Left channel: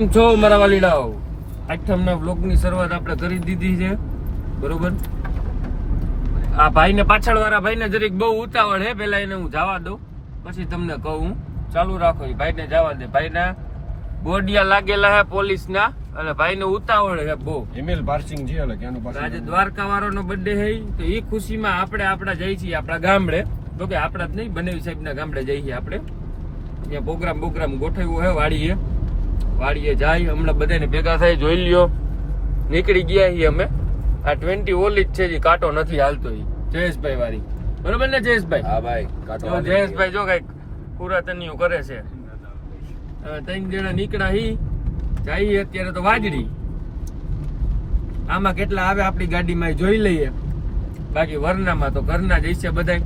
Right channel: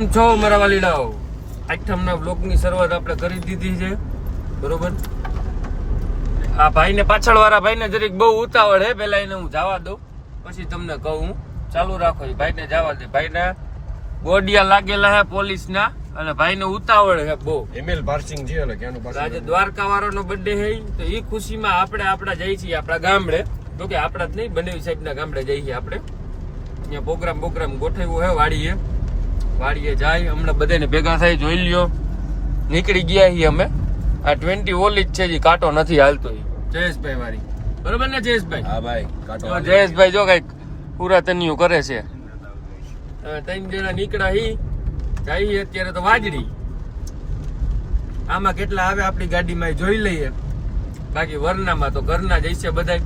છો મારા વાલીડાઓ, આઠમના બ્લોગની શરૂઆત આપણે કરી દીધી છે, બરોબર. આ ભાઈને પાછળવાળા ભાઈને જરીક બહુ ઉતાવળ હે, પેલા એને હું જવા દઉં પછી તમને કહું. ચાલુ રાખો, ભાઈને જવા દે. ભાઈના બોડિયા લાગેલા હે પોલીસના અને ભાઈને ઉતાવળ હે બહુ. એમએલ પાર્સિંગ છે એટલે કેનું પાર્સિંગ. આજે દ્વારકા વાળાનો બર્થડે હે, તો એ ખુશીમાં આપણા જઈએ છીએ આપણા ગામડે. તો કે આપણા જ નહીં, બનેવી સાહેબના ગામડે જઈએ છીએ આપણે. અહીંયા પ્રોગ્રામ ગોઠવ્યો હે વાડીએ જાય. હમણાં બધાને ભેગા થાય, જોઈ લ્યો. નીકળી ગયા છીએ અમે. આ 20 ઓલી જ છે, જે કાંટો નથી હાલતો. જયેશભાઈ વાળી, બરોબર ને જયેશભાઈ? હા ભાઈ, કાંટો. જયેશભાઈ જો કઈક પુરાતનિયું કરે છે. 3 જણા નીકળ્યા હી જાય અત્યારે તો વાજડી. આમાં કેટલા આવે આપણી ગાડીમાં જોઈ લઈએ. બાકી વરનામાં તો ઘરના જઈશે બધા,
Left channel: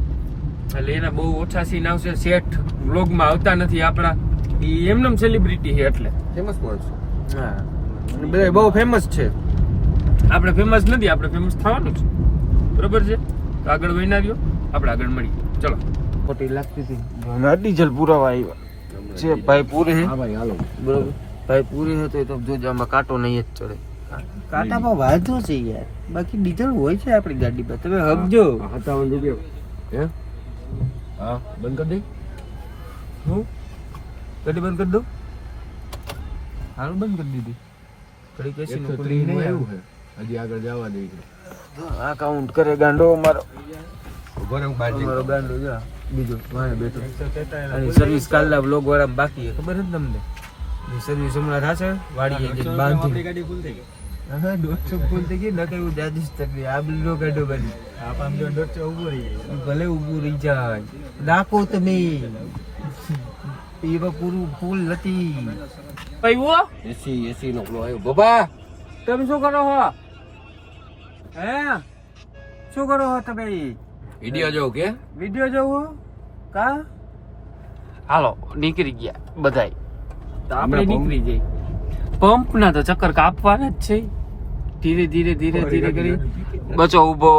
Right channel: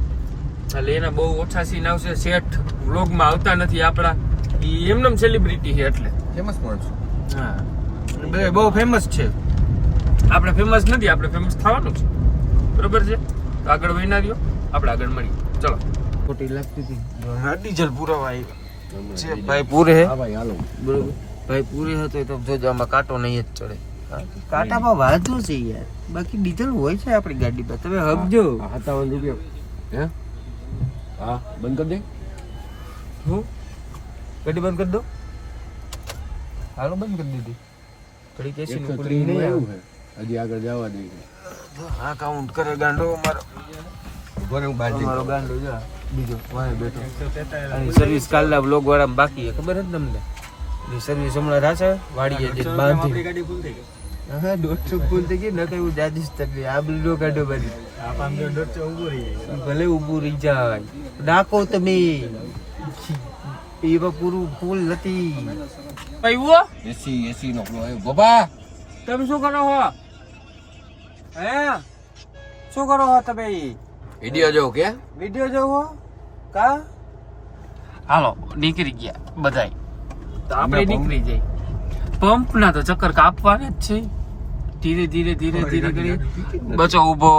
એટલે એના બહુ ઓછા સીન આવશે. શેઠ વ્લોગમાં આવતા નથી આપણા, એ એમનેમ સેલિબ્રિટી છે એટલે ફેમસ માણસો. હા, અને બધા બહુ ફેમસ છે. આપણે ફેમસ નથી, આપણે ફેમસ થવાનું છે, બરોબર છે. તો આગળ વહીના દો, આપણે આગળ મળી. ચલો. ખોટી લાગતી હતી, ડીઝલ પુરાવા આવ્યા છે. ભાઈ પૂરે હે, હા ભાઈ, હાલો. બરોબર. ભાઈ પૂરી હતો તો જોજો, આમાં કાંટો નહીં જ ચડે. કાંટામાં વાંધો છે યાર, બાકી ડીઝલ હોય છે આપણી ગાડી પર. તમે હબજો. 57 રૂપિયા હે. હા, બંધ કરી દે. હું ગાડી બંધ કરી દઉં? હાલો, બંધ કરી દીધી. ઘડી કેસી નું ખુલી નહીં આવ્યું. હજી આગળ જવા દે. આ કાઉન્ટ કરે ગાંડો અમારો. અમારો અમારો ગાંડો જા બીજો વાહે બેઠો. અને સર્વિસ કાલના બ્લોગ વાળા બાકી ખબર છે તમને? એ સર્વિસ હમણાં થશે વાડીએ જે બાંધી. ગાડી ફૂલ થઈ ગઈ. હા, 150 ફૂલ થઈ ગઈ. ન કઈ દાદીશ તકલી આ બિલ્ડો કાઢો બની. આ 500 150 ઊભું રહી ગઈ. ભલે ઊભું રહી જાય, નાખો તમે. એમાં પૂરું ફૂલ નથી. પૈવો એસી નો ફ્લો આવ્યો. બાબા, તમે શું કરો છો? હે, શું કરો છો તમે? વિડિયો જોઉં કે? વિડિયો જોવો કા? હાલો, નીકળી ગયા બધાય. તો આપણે નીકળી જઈએ. પંપ ના તો ચક્કર કાપવાના જ છે. ધીરે ધીરે કરી બચો ઉભો.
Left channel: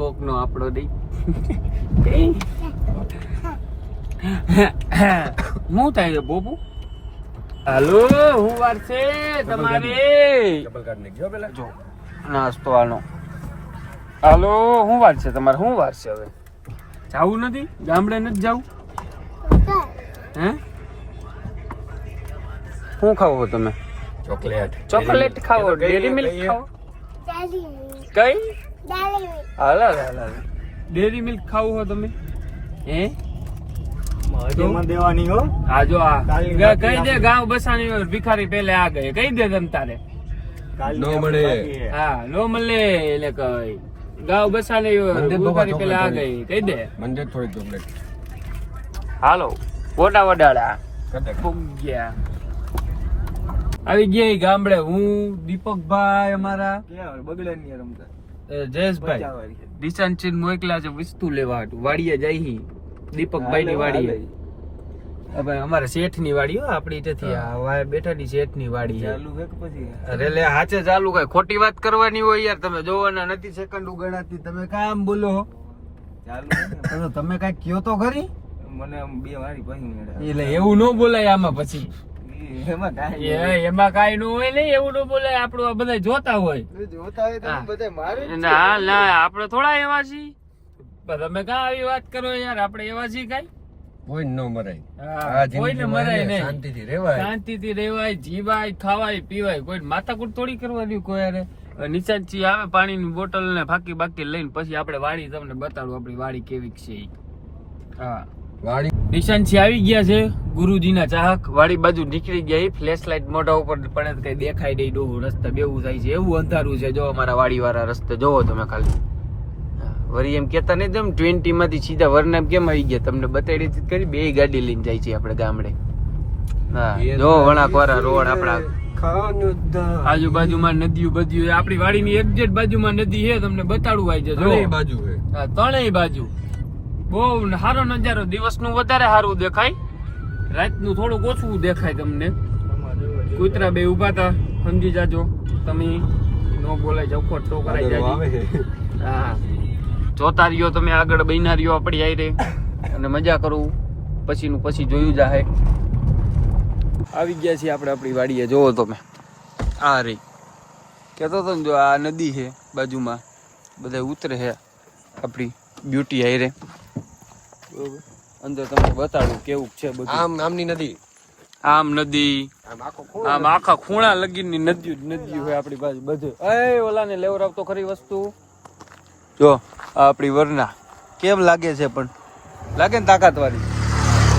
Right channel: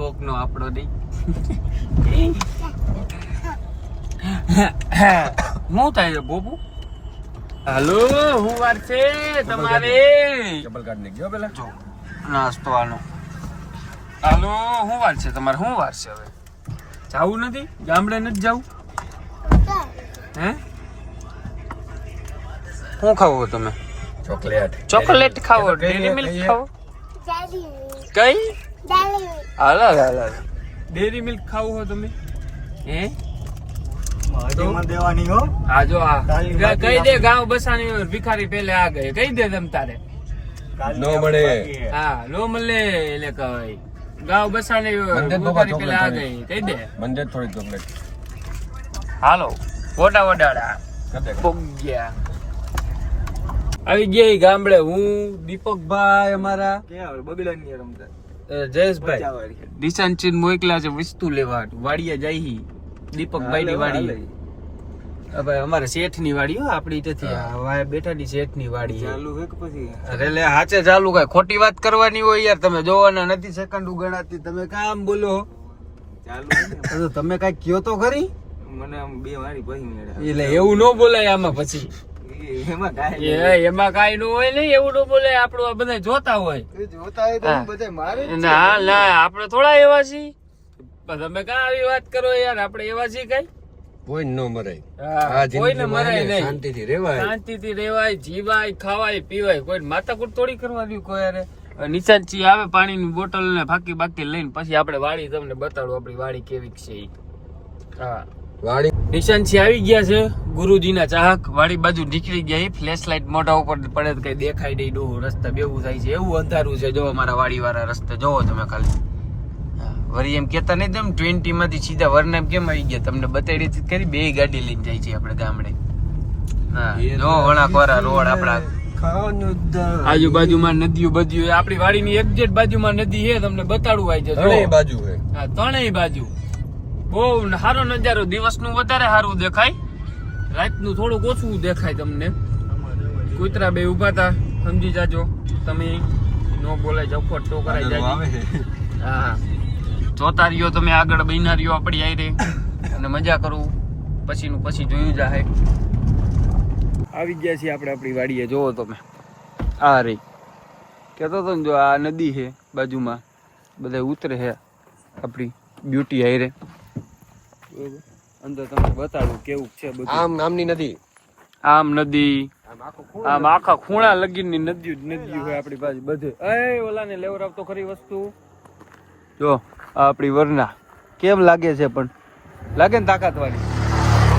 કોક નો આપણો દઈ. હું થાય બોબુ? હાલો, હું વાર છે તમારે? ચપ્પલ કાઢ નાખ્યો પેલા. જો નાસ્તો આનો. હાલો, હું વાર છે તમારે? શું વાર છે હવે? જાવું નથી? ગામડે નથી જાવું? હે, શું ખાવો તમે? ચોકલેટ ખાવો? ડેરી મિલ્ક ખાવો? કઈ? હાલો ડેરી મિલ્ક ખાવું હો તમે? હે, દેવાની હો. આ જો આ કહી દે, ગાંવ બસાની ભિખારી પેલે આ ગઈ. કહી દે તમ તારે. ન મળે. હા, નો મળે એટલે કઈ. ગાંવ બસાની ભિખારી પેલે આ ગઈ. કહી દે. બંધ થોડી ચોકલેટ. હાલો, વોડા વડાડા કદે ગયા. આવી ગયા ગામડે. હું દીપકભાઈ અમારા બગડાની રમતા. જયેશભાઈ દિશાંચીન મોકલા છે વસ્તુ લેવા હાટુ. વાડીએ જાય દીપકભાઈ ની વાડી. ભાઈ અમારા શેઠ ની વાડી હો, આપડી નથી. આ બેઠાની શેઠ ની વાડી ચાલુ છે કે પછી? અરે લે, હાચે ચાલુ. કઈ ખોટી વાત કરવાની હોય યાર. તમે જોવાના નથી, સેકન્ડ ગણાતી. તમે કામ બોલો ચાલુ. તમે કઈ કયો તો ખરી. મને આમ બે વારી પછી મેળે. એટલે એવું ન બોલાય આમાં પછી. એમાં કાઈ ન હોય ને, એવું ન બોલાય. આપણું આ બધા જોતા હોય. ના ના, આપણે થોડા એવા છીએ. તમે કા આવી વાત કરો યાર? આપણે એવા છીએ કઈ? કોઈ ન મરાય. કોઈને મરાય નહીં. શાંતિથી રહેવાય. શાંતિથી રહેવાય, જીવાય, ખાવાય, પીવાય. કોઈ માથાકૂટ થોડી કરવાની. કોઈ યાર નિશાન થી આવે પાણીની બોટલ ને ફાકી બાકી લઈને પછી આપણે વાડી તમને બતાડું આપણી વાડી કેવી છે. હા, વાડી નિશાન થી આવી ગયા છે ગુરુજીના ચાહક. વાડી બાજુ નીકળી ગયા. ફ્લેશ લાઈટ મોઢા ઉપર પડે કઈ દેખાય નહીં. ડોહું રસ્તા બેવું થાય છે, એવું અંધારું છે. જો અમારા વાડી વાળા રસ્તે જોવો તમે ખાલી. વરી એમ કેતા નહીં તમે 20 માંથી સીધા વરનામ કેમ આવી ગયા? તમને બતાડી કરી. 2 ગાડી લઈને જાય છે આપણે ગામડે. હા, જો વણાક વાળા રોડ આપણા આજુબાજુમાં નદીઓ બધી. આપણી વાડીની એક્ઝેક્ટ બાજુમાં નદી છે. તમને બતાડું આવી જાય. ત્રણેય બાજુ છે. હા, ત્રણેય બાજુ બહુ સારો નજારો. દિવસનું વધારે સારું દેખાય, રાતનું થોડુંક ઓછું દેખાય તમને. કૂતરા બે ઉભા હતા, સમજી જાજો તમે. નો બોલાય, જફટ તો કરાઈ જાજી. હા, જોતા રહ્યો તમે આગળ. બહીના રહ્યો આપડી આઈ રે અને મજા કરું. પછી જોયું જાહે. આવી ગયા છીએ આપણે આપણી વાડીએ. જોવો તમે આ રહી કહેતો હતો ને, જો આ નદી છે બાજુમાં, બધા ઉતરે છે આપણી બ્યુટી હાઈરે. બરોબર, અંદર તમને બતાડું કેવું છે બધું. આમ નામની નદી, આમ નદી, આમ આખા ખૂણા લગીની નદી હોય આપણી બાજુ બધે. એ ઓલાને લેવરાવતો ખરી વસ્તુ. જો આ આપણી વરના કેમ લાગે છે, પણ લાગે ને તાકાત વાળી.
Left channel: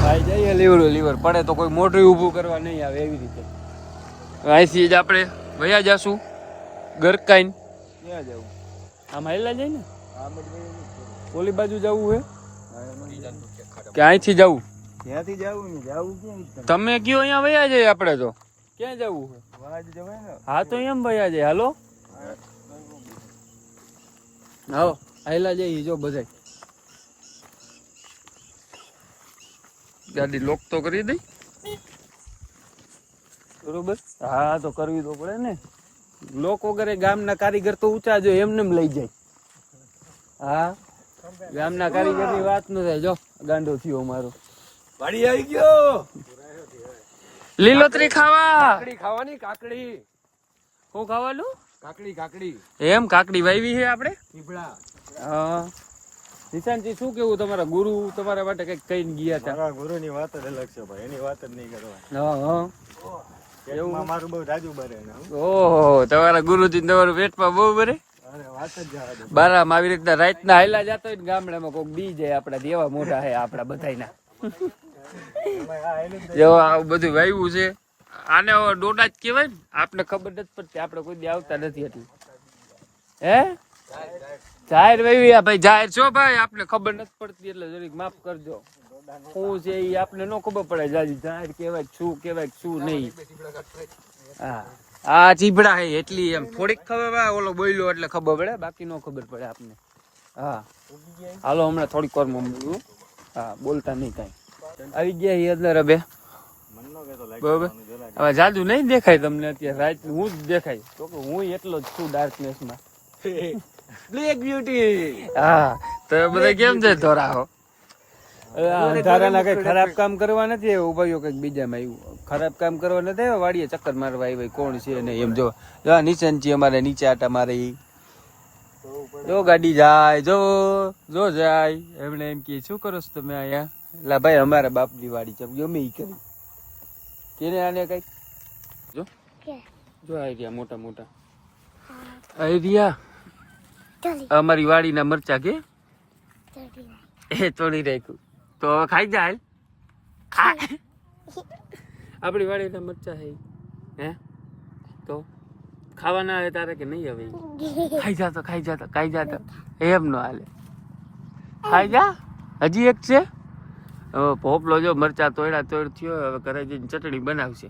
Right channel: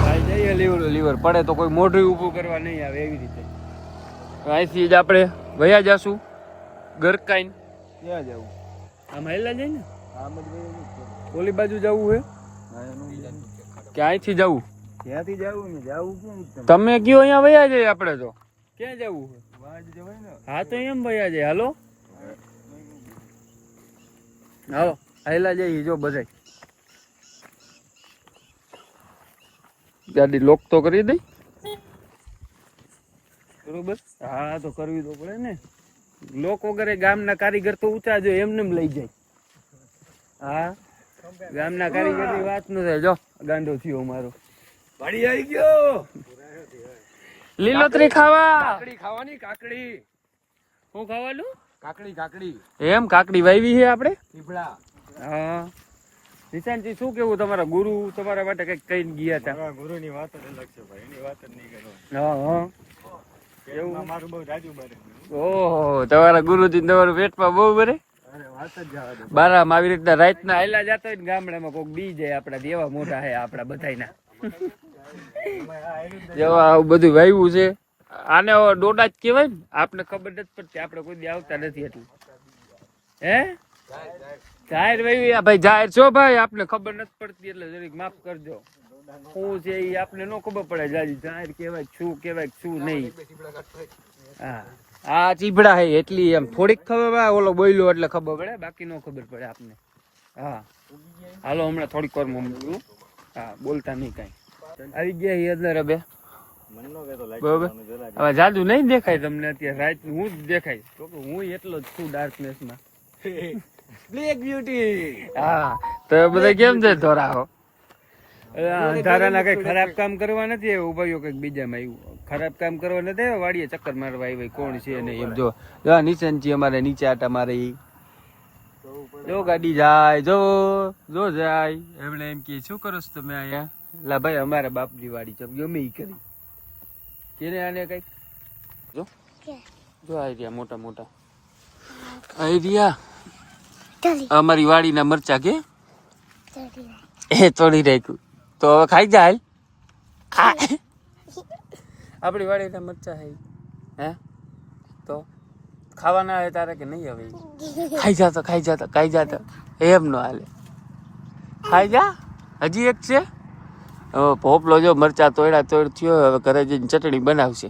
ભાઈ જઈએ લીવર પડે તો કોઈ મોઢું ઊભું કરવા નહીં આવે એવી રીતે. અહીંથી જ આપણે વયા જાશું ગરકાઈન. ક્યાં જવું? આમ હાઈલા જાય ને, ઓલી બાજુ જવું હે કે અહીંથી જવું? ક્યાંથી જવું ને, જવું ક્યાં? તમે કયો અહીંયા વયા જાય. આપણે તો ક્યાં જવું છે? હા તો એમ વયા જાય. હાલો આવો હાઈલા જઈએ. જો બધાય ગાડી લોક તો કરી દઈ. બરોબર, હા તો કરવી તો પડે ને. લોક વગેરે ગામના કારીગર તો ઊંચા જો એમને લઈ જાય. હા, ગામના કારીગર ની વાત ન થાય. જો ગાંડો થયો મારો. વાડી આવી ગયો. લીલોતરી ખાવા. કાકડી ખાવાની, કાકડી. શું ખાવાનું? કાકડી. એમ કાકડી વાવી છે આપણે. પીપળા. હા, નિશાંતજી શું કેવું? તમારા ગુરુ તમારા માટે કઈક કહીને ગયા હતા. મારા ગુરુની વાત જ અલગ છે ભાઈ, એની વાત જ નહીં કરવાની. હા, એવું મારું બહુ જાજુ બરે ને. ઓહો, તમારા ગુરુજી તમારું પેટમાં બહુ બરે. અરે વાત જ જવા દે. બારામાં આવી રીતના રાતના હાઈલા જતા હોય ને ગામડામાં કોઈક બી જાય આપડા દેવા મોટા હે આપડા બધાયના. જો આવું બધું વાવ્યું છે. આને ડોડા જ કહેવાય ને. આપણે ખબર નથી પડતી, આપણે કોઈ દી આવતા નથી એટલે. હે જાહેર વાવી ભાઈ, જાહેર છો ભાઈ, આપણે ખબર નથી પડતી એટલે જરીક માફ કરજો. શું છે એ આપણે ન ખબર પડે. જાજી જાહેર કહેવાય શું કહેવાય શું નહીં. હા, આ ચીભડા હે એટલી એમ થોડીક ખબર પડે. ઓલો બોલ્યો એટલે ખબર પડે, બાકી ન ખબર પડે આપને. હા હાલો હમણાં થોડીક વાર માં. હા બોલતા નહીં કાંઈ. આવી ગયા એ અંદર હવે. બરોબર, હવે જાદુ નહીં દેખાય તમને અત્યારે. રાત હું જ દેખાય તો કે હું એટલો જ છું ડાર્કનેસમાં. Black beauty. હા તો બધા કેમ છે ધોરાહો? અંધારાના કઈ ખરાબ કામ કરવા નથી આવ્યો. ઉભાઈઓ કઈક બીજામાં આવ્યું. ખરાબ કામ કરવા નથી આવ્યો. વાડીએ ચક્કર મારવા આવ્યો. કોણ છે નહીં એમ. જો નીચે અમારે નીચે આટા મારે. જો ગાડી જાય, જો જાય. એમણે એમ કે શું કરો છો તમે અહીંયા? લા ભાઈ અમારા બાપની વાડી છે, ગમે ઈ કરી. કેને આને કઈક જો આઈડિયા મોટા મોટા આઈડિયા. અમારી વાડીના મરચા કે એ તોડી રાખ્યું તો હવે ખાઈ જાય. આપણી વાડીના મરચા હે. હે તો ખાવાના આવે તારે કે નહીં? હવે ખાઈ જાતો એમ નો હાલે. ખાઈ જા. હજી એક છે પોપલો. જો મરચા તોડ થયો. હવે ઘરે જઈને ચટણી બનાવશે.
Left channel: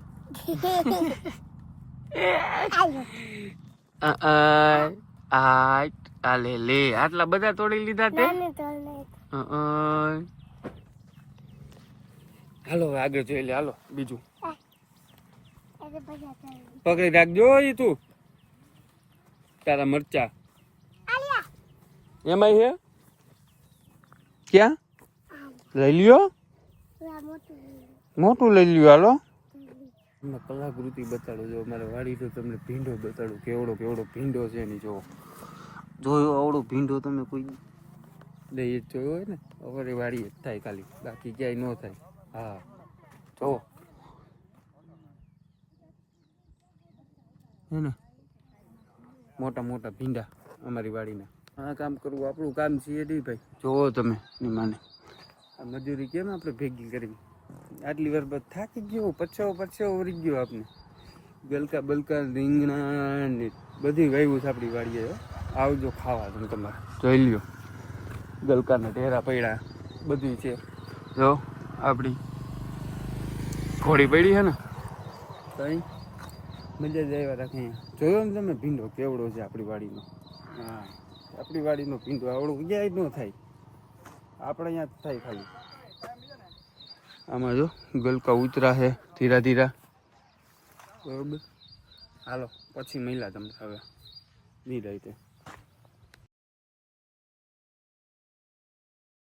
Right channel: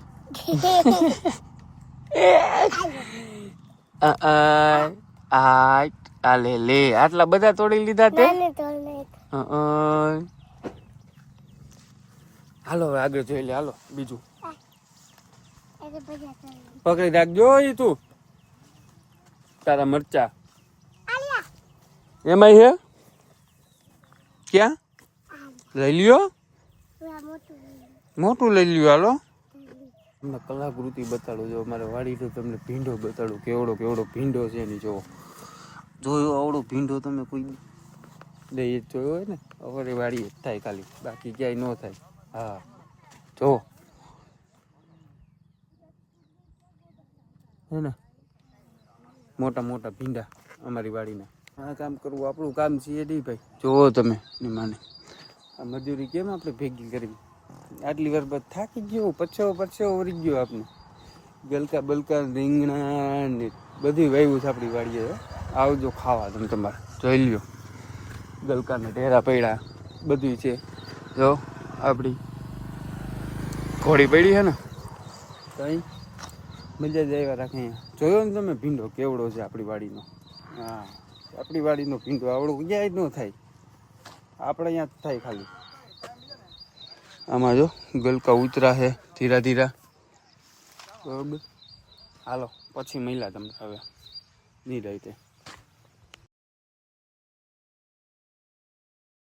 આ લે આટલા બધા તોડી લીધા તે. હાલો હવે આગળ જોઈ લે. હાલો બીજું પકડી રાખજો. તું તારા મરચા એમાં હે. ક્યાં લઈ લ્યો? મોટું લઈ લ્યો. હાલો કલાકૃતિ બતાડું. જો અમારે વાડી તો તમને ભીંડો બતાડું. કેવડો ભીંડો છે એની. જોયો આવડો ભીંડો તમે કોઈ દઈ જોયો હોય ને? અમારી વાડી જ થાય ખાલી, બાકી ક્યાંય ન થાય. હા જો હે ને મોટા ભીંડા અમારી વાડીના. આ કામ કરવું આપણું કામ છે નહીં ભાઈ. જોવો તમે ની માને આ મજૂરી કેમ આપણે ભેગી કરવી. આટલી વાર બાદ થાકી ગયો. પછાવો વળી ગયો આપણે. બલકા રીંગણા ને બધી વાવ્યું છે આપણી વાડીએ. આવજો ખાવા તમે તમારે. જોઈ લ્યો ગલકાના ઢેરા પડ્યા બધું છે. જો આપણી ઘોડી પડી છે ને કઈ મજા જ આવ્યા રાખે. જોયો ને તમે ભીંડો કેવડો છે આપણી વાડીનો. હા આપણી વાડીનો ભીંડો આવડો ક્યાંય જ ન થાય. આપણે અહીંયા જ થાય ખાલી. આમાં જો ગલકા ઉતરા છે ધીરા. બરોબર હાલો પછી મળ્યા તમને હવે નહીં રહી તે.